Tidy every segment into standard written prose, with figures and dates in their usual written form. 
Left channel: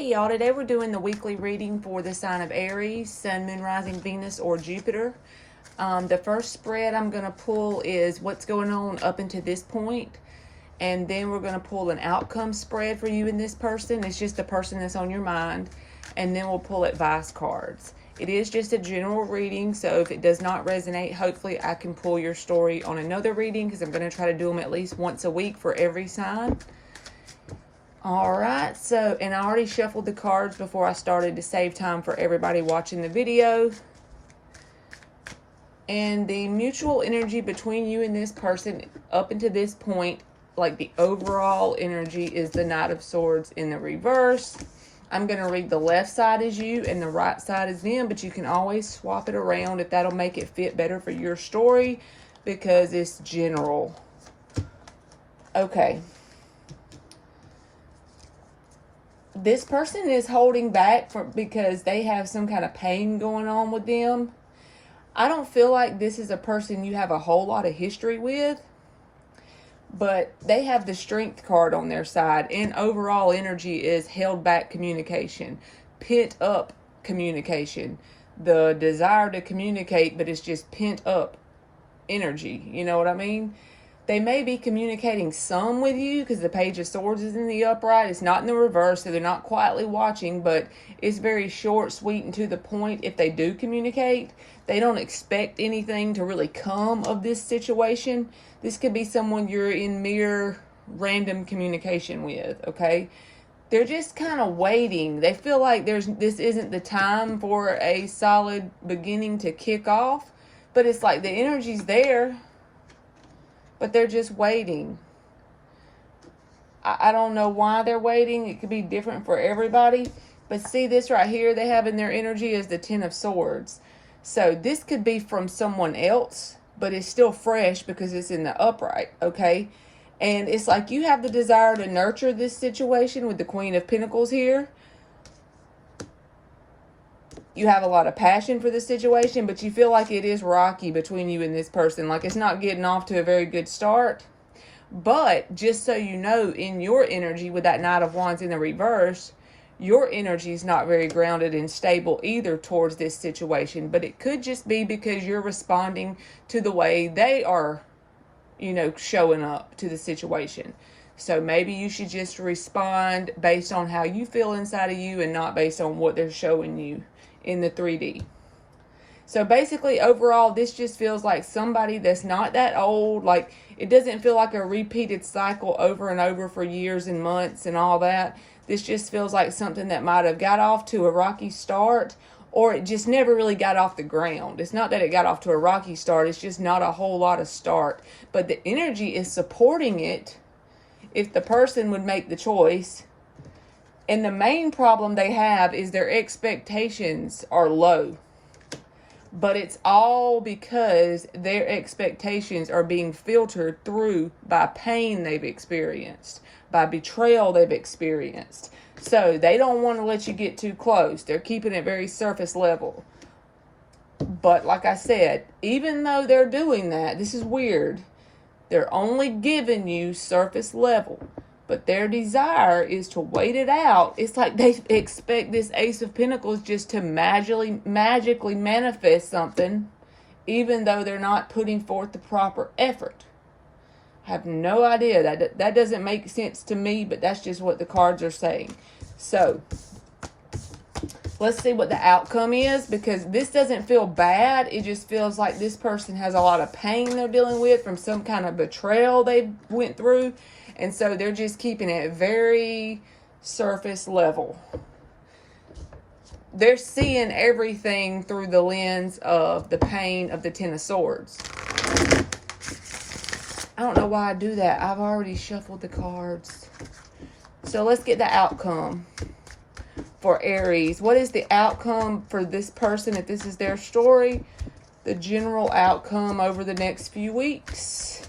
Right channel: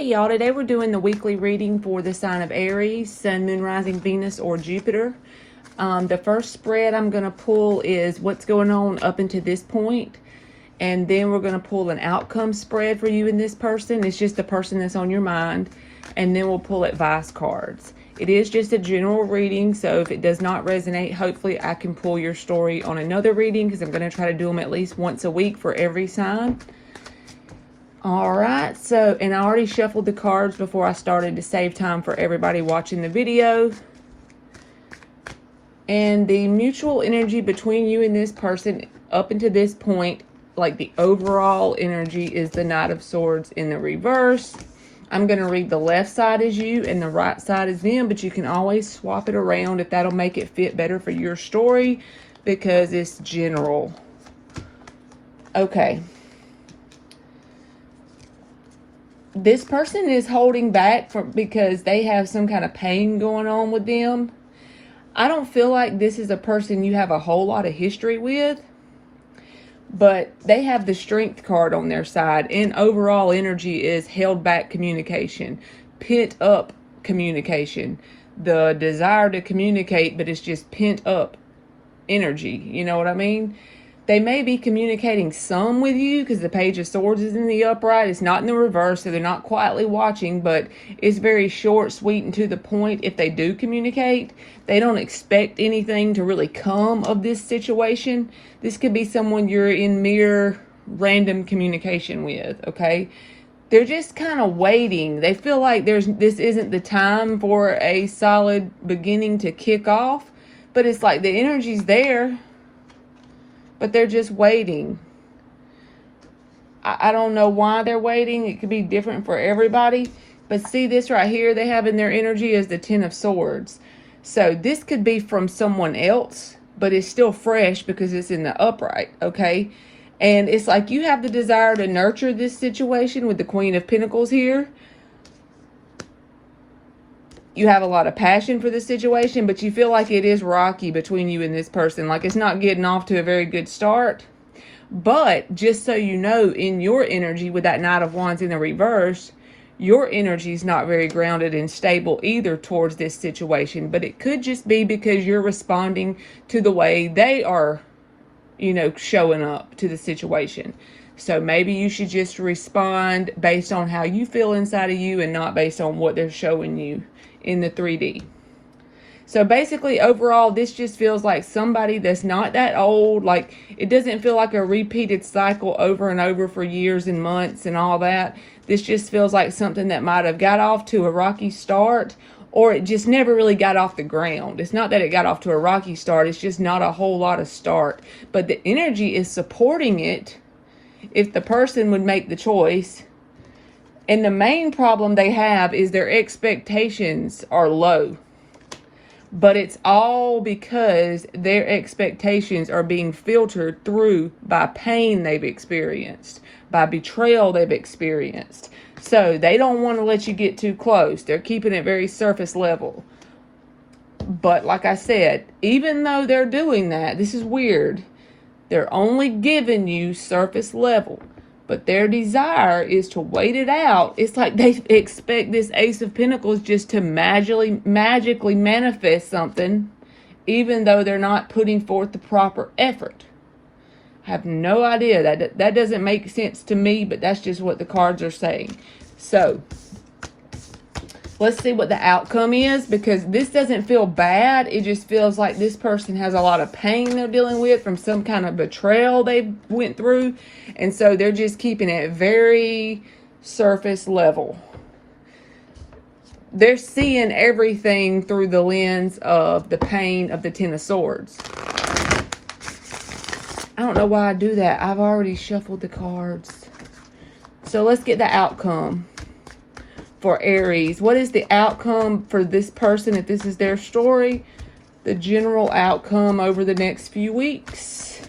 Hey y'all, today we're doing the weekly reading for the sign of Aries, Sun, Moon, Rising, Venus, or Jupiter. The first spread I'm going to pull is what's going on up until this point. And then we're going to pull an outcome spread for you and this person. It's just the person that's on your mind. And then we'll pull advice cards. It is just a general reading, so if it does not resonate, hopefully I can pull your story on another reading because I'm going to try to do them at least once a week for every sign. Alright, so, and I already shuffled the cards before I started to save time for everybody watching the video. And the mutual energy between you and this person up until this point, like the overall energy, is the Knight of Swords in the reverse. I'm going to read the left side as you and the right side as them, but you can always swap it around if that'll make it fit better for your story because it's general. Okay. This person is holding back because they have some kind of pain going on with them. I don't feel like this is a person you have a whole lot of history with, but they have the Strength card on their side, and overall energy is held back communication, pent up communication, the desire to communicate, but it's just pent up energy. You know what I mean? They may be communicating some with you because the Page of Swords is in the upright. It's not in the reverse, so they're not quietly watching, but it's very short, sweet, and to the point. If they do communicate, they don't expect anything to really come of this situation. This could be someone you're in mere random communication with, okay? They're just kind of waiting. They feel like this isn't the time for a solid beginning to kick off, but it's like the energy's there. But they're just waiting. I don't know why they're waiting. It could be different for everybody. But see this right here, they have in their energy is the Ten of Swords. So this could be from someone else, but it's still fresh because it's in the upright, okay? And it's like you have the desire to nurture this situation with the Queen of Pentacles here. You have a lot of passion for the situation, but you feel like it is rocky between you and this person. Like it's not getting off to a very good start. But just so you know, in your energy with that Knight of Wands in the reverse, your energy is not very grounded and stable either towards this situation. But it could just be because you're responding to the way they are, you know, showing up to the situation. So maybe you should just respond based on how you feel inside of you and not based on what they're showing you in the 3D. So basically, overall, this just feels like somebody that's not that old. Like, it doesn't feel like a repeated cycle over and over for years and months and all that. This just feels like something that might have got off to a rocky start, or it just never really got off the ground. It's not that it got off to a rocky start. It's just not a whole lot of start. But the energy is supporting it if the person would make the choice. And the main problem they have is their expectations are low. But it's all because their expectations are being filtered through by pain they've experienced, by betrayal they've experienced. So they don't want to let you get too close. They're keeping it very surface level. But like I said, even though they're doing that, this is weird. They're only giving you surface level. But their desire is to wait it out. It's like they expect this Ace of Pentacles just to magically manifest something, even though they're not putting forth the proper effort. I have no idea. That doesn't make sense to me, but that's just what the cards are saying. So, let's see what the outcome is, because this doesn't feel bad. It just feels like this person has a lot of pain they're dealing with from some kind of betrayal they went through. And so they're just keeping it very surface level. They're seeing everything through the lens of the pain of the Ten of Swords. I don't know why I do that. I've already shuffled the cards. So let's get the outcome for Aries. What is the outcome for this person if this is their story? The general outcome over the next few weeks.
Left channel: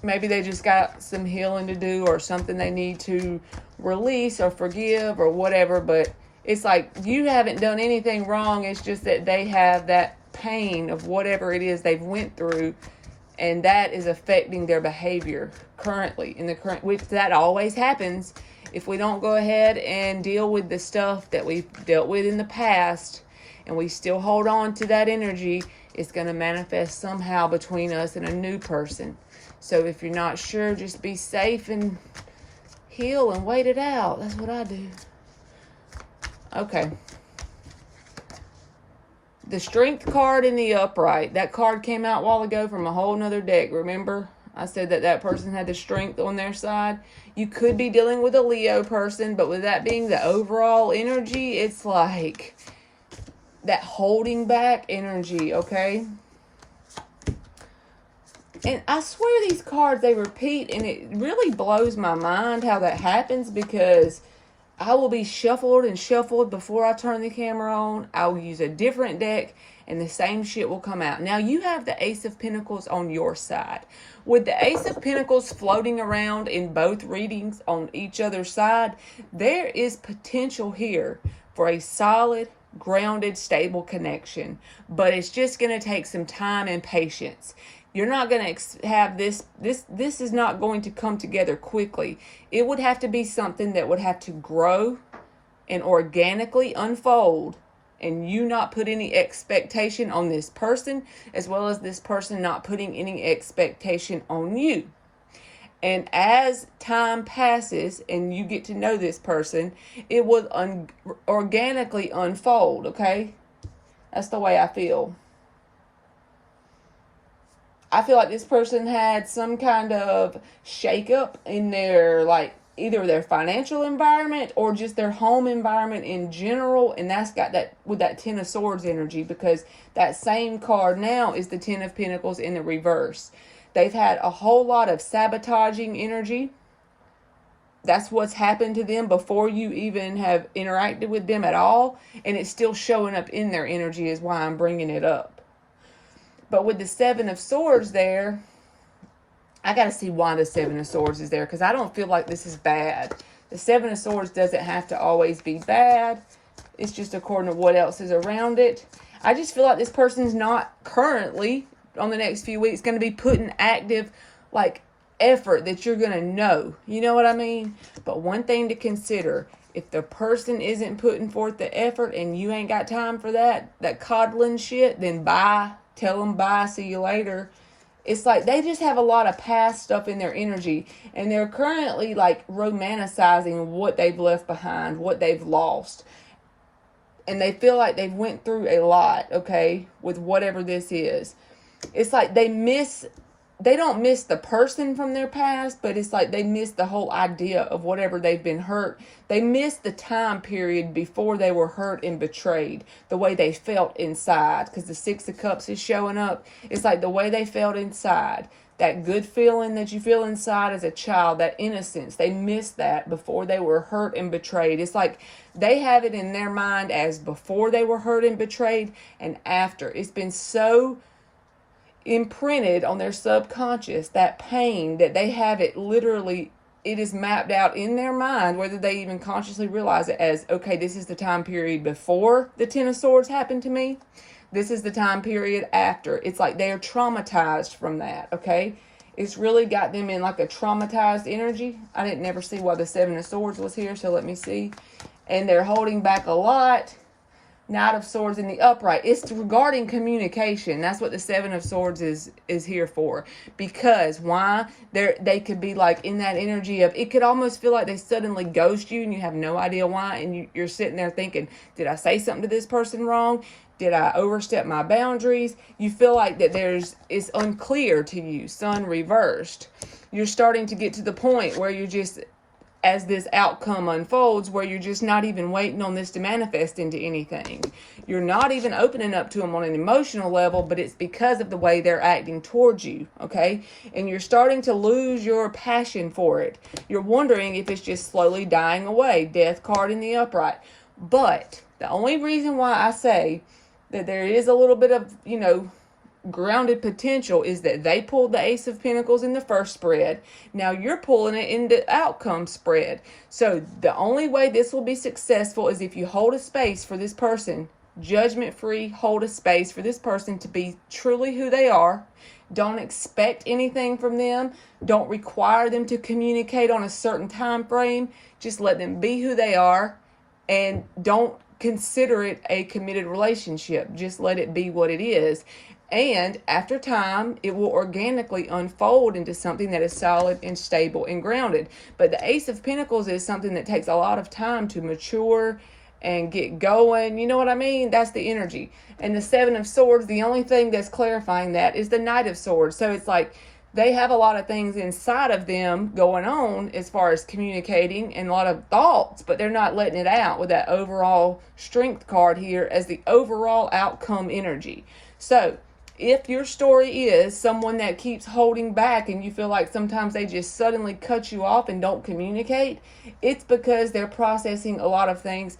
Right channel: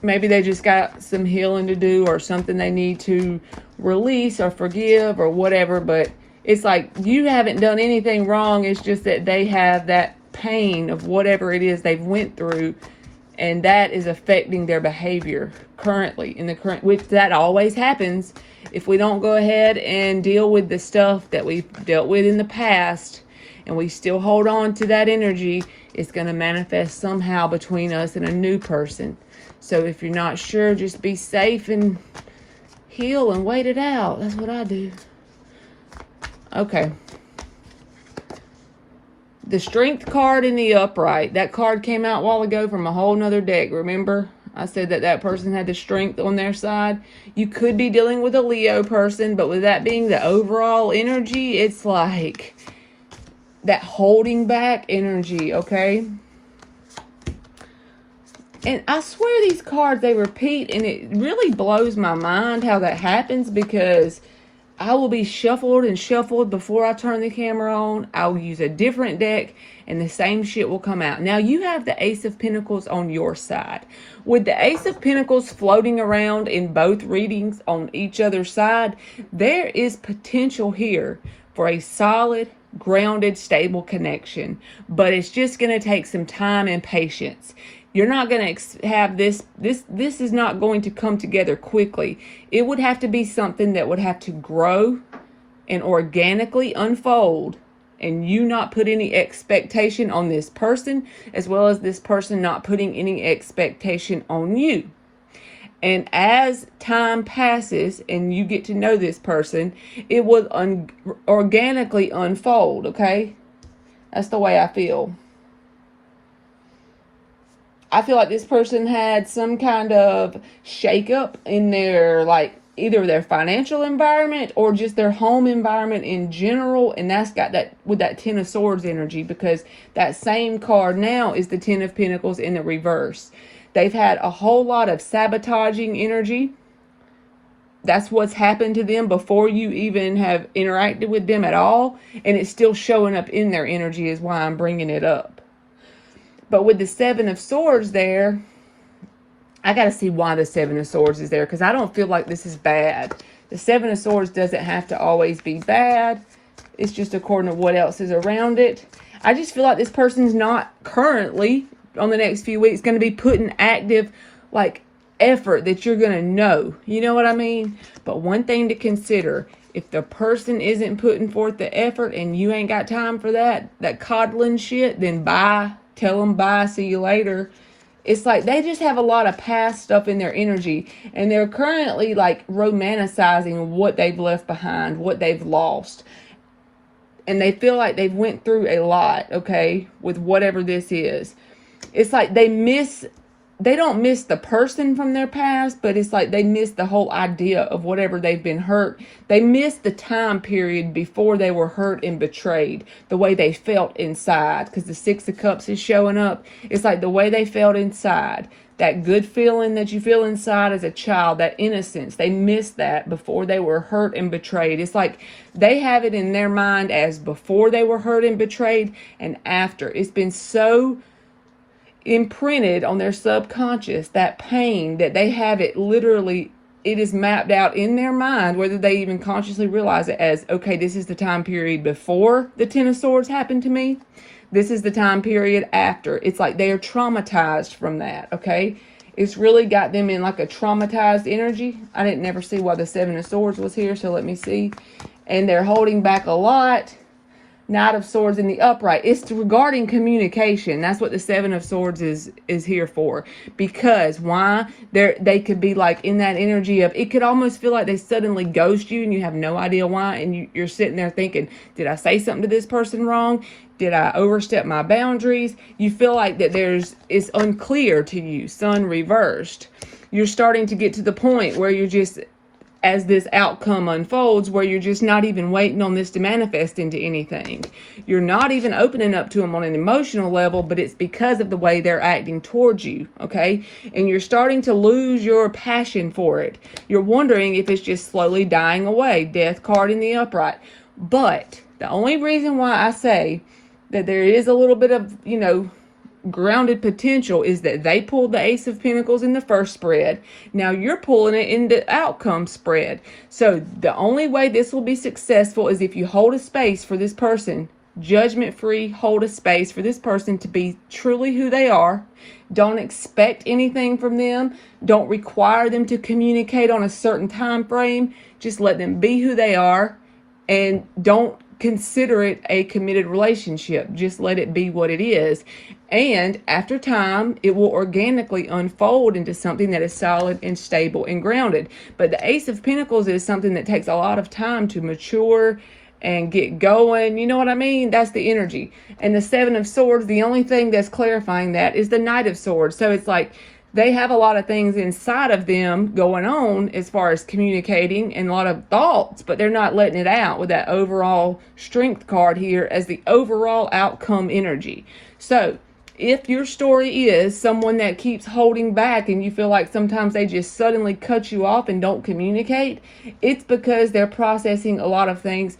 Maybe they just got some healing to do or something they need to release or forgive or whatever. But it's like you haven't done anything wrong. It's just that they have that pain of whatever it is they've went through, and that is affecting their behavior currently, which that always happens if we don't go ahead and deal with the stuff that we've dealt with in the past, and we still hold on to that energy. It's going to manifest somehow between us and a new person. So if you're not sure, just be safe and heal and wait it out. That's what I do. Okay. The Strength card in the upright. That card came out a while ago from a whole nother deck. Remember? I said that person had the Strength on their side. You could be dealing with a Leo person, but with that being the overall energy, it's like that holding back energy, okay? And I swear these cards, they repeat, and it really blows my mind how that happens, because I will be shuffled and shuffled before I turn the camera on. I'll use a different deck and the same shit will come out. Now you have the Ace of Pentacles on your side. With the Ace of Pentacles floating around in both readings on each other's side, there is potential here for a solid, grounded, stable connection. But it's just going to take some time and patience. You're not going to have this is not going to come together quickly. It would have to be something that would have to grow and organically unfold, and you not put any expectation on this person, as well as this person not putting any expectation on you. And as time passes and you get to know this person, it will organically unfold, okay? That's the way I feel. I feel like this person had some kind of shakeup in their, like, either their financial environment or just their home environment in general. And that's got that with that Ten of Swords energy, because that same card now is the Ten of Pentacles in the reverse. They've had a whole lot of sabotaging energy. That's what's happened to them before you even have interacted with them at all. And it's still showing up in their energy, is why I'm bringing it up. But with the Seven of Swords there, I got to see why the Seven of Swords is there, because I don't feel like this is bad. The Seven of Swords doesn't have to always be bad. It's just according to what else is around it. I just feel like this person's not currently, on the next few weeks, going to be putting active, like, effort that you're going to know. You know what I mean? But one thing to consider, if the person isn't putting forth the effort and you ain't got time for that coddling shit, then bye. Tell them bye, see you later. It's like they just have a lot of past stuff in their energy, and they're currently like romanticizing what they've left behind, what they've lost. And they feel like they've went through a lot, okay, with whatever this is. It's like they don't miss the person from their past, but it's like they miss the whole idea of whatever they've been hurt. They miss the time period before they were hurt and betrayed, the way they felt inside, because the Six of Cups is showing up. It's like the way they felt inside, that good feeling that you feel inside as a child, that innocence. They miss that before they were hurt and betrayed. It's like they have it in their mind as before they were hurt and betrayed and after. It's been so imprinted on their subconscious, that pain, that they have it literally, it is mapped out in their mind, whether they even consciously realize it as, okay, this is the time period before the Ten of Swords happened to me. This is the time period after. It's like they are traumatized from that, okay? It's really got them in like a traumatized energy. I didn't never see why the Seven of Swords was here, so let me see. And they're holding back a lot. Knight of Swords in the upright. It's regarding communication. That's what the Seven of Swords is here for. Because why? They could be like in that energy of, it could almost feel like they suddenly ghost you and you have no idea why. And you're sitting there thinking, did I say something to this person wrong? Did I overstep my boundaries? You feel like that it's unclear to you. Sun reversed. You're starting to get to the point where you're just, as this outcome unfolds, where you're just not even waiting on this to manifest into anything. You're not even opening up to them on an emotional level, but it's because of the way they're acting towards you, okay? And you're starting to lose your passion for it. You're wondering if it's just slowly dying away. Death card in the upright. But the only reason why I say that there is a little bit of, grounded potential is that they pulled the Ace of Pentacles in the first spread. Now you're pulling it in the outcome spread. So the only way this will be successful is if you hold a space for this person judgment-free, hold a space for this person to be truly who they are. Don't expect anything from them. Don't require them to communicate on a certain time frame. Just let them be who they are, and don't consider it a committed relationship. Just let it be what it is. And after time, it will organically unfold into something that is solid and stable and grounded. But the Ace of Pentacles is something that takes a lot of time to mature and get going. You know what I mean? That's the energy. And the Seven of Swords, the only thing that's clarifying that is the Knight of Swords. So it's like they have a lot of things inside of them going on as far as communicating and a lot of thoughts, but they're not letting it out with that overall Strength card here as the overall outcome energy. So if your story is someone that keeps holding back and you feel like sometimes they just suddenly cut you off and don't communicate, it's because they're processing a lot of things.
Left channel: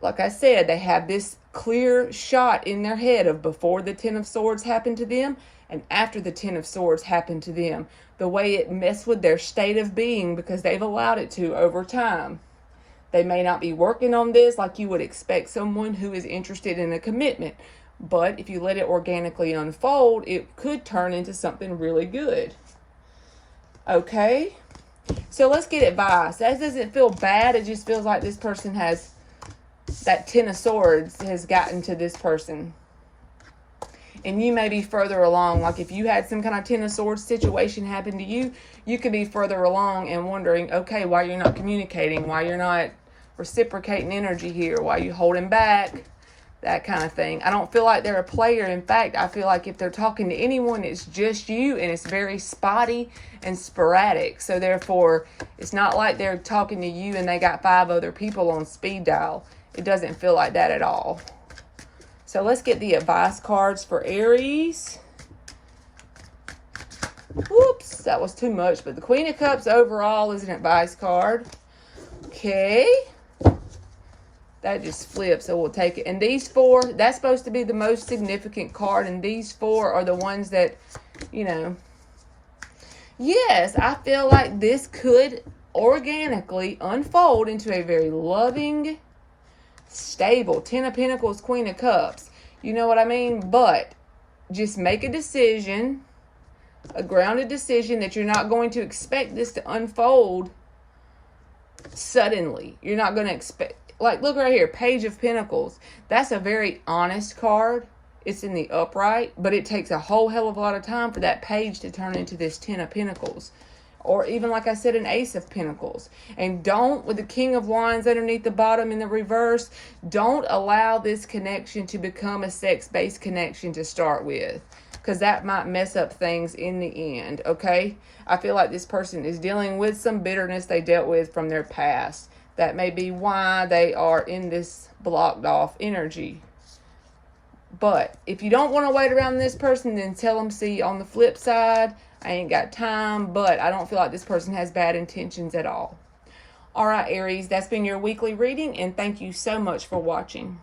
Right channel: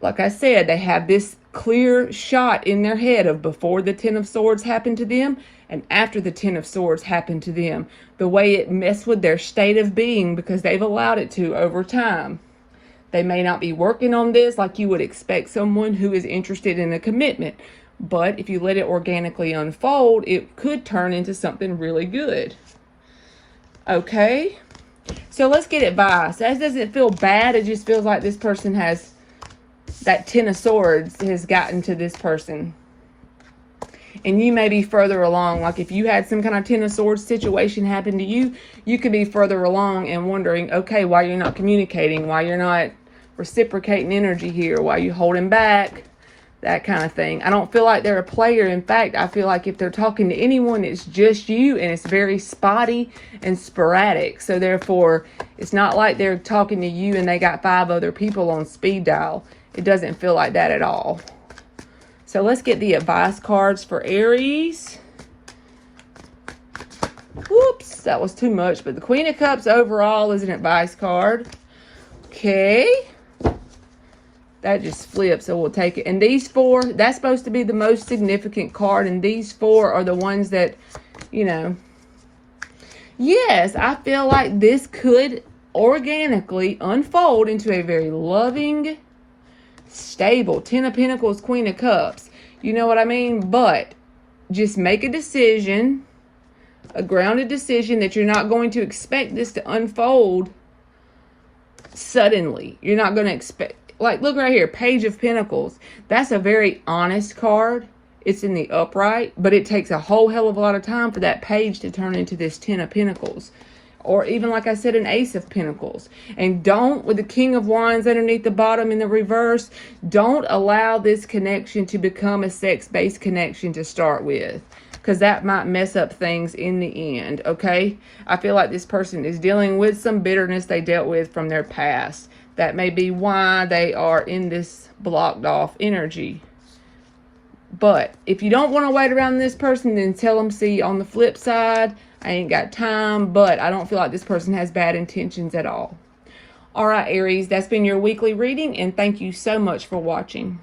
Like I said, they have this clear shot in their head of before the Ten of Swords happened to them and after the Ten of Swords happened to them. The way it messed with their state of being because they've allowed it to over time. They may not be working on this like you would expect someone who is interested in a commitment. But if you let it organically unfold, it could turn into something really good. Okay? So let's get advice. That doesn't feel bad. It just feels like this person has, that Ten of Swords has gotten to this person. And you may be further along. Like if you had some kind of Ten of Swords situation happen to you, you could be further along and wondering, okay, why you're not communicating, why you're not reciprocating energy here, why you're holding back, that kind of thing. I don't feel like they're a player. In fact, I feel like if they're talking to anyone, it's just you, and it's very spotty and sporadic. So therefore, it's not like they're talking to you and they got 5 other people on speed dial. It doesn't feel like that at all. So let's get the advice cards for Aries. Whoops, that was too much. But the Queen of Cups overall is an advice card. Okay. That just flips, so we'll take it. And these 4, that's supposed to be the most significant card. And these 4 are the ones that, you know. Yes, I feel like this could organically unfold into a very loving, stable Ten of Pentacles, Queen of Cups. You know what I mean? But just make a decision, a grounded decision that you're not going to expect this to unfold suddenly. You're not going to expect, like, look right here, Page of Pentacles. That's a very honest card. It's in the upright, but it takes a whole hell of a lot of time for that page to turn into this Ten of Pentacles. Or even, like I said, an Ace of Pentacles. And don't, with the King of Wands underneath the bottom in the reverse, don't allow this connection to become a sex-based connection to start with. Because that might mess up things in the end, okay? I feel like this person is dealing with some bitterness they dealt with from their past. That may be why they are in this blocked off energy. But if you don't want to wait around this person, then tell them, see, on the flip side, I ain't got time, but I don't feel like this person has bad intentions at all. All right, Aries, that's been your weekly reading, and thank you so much for watching.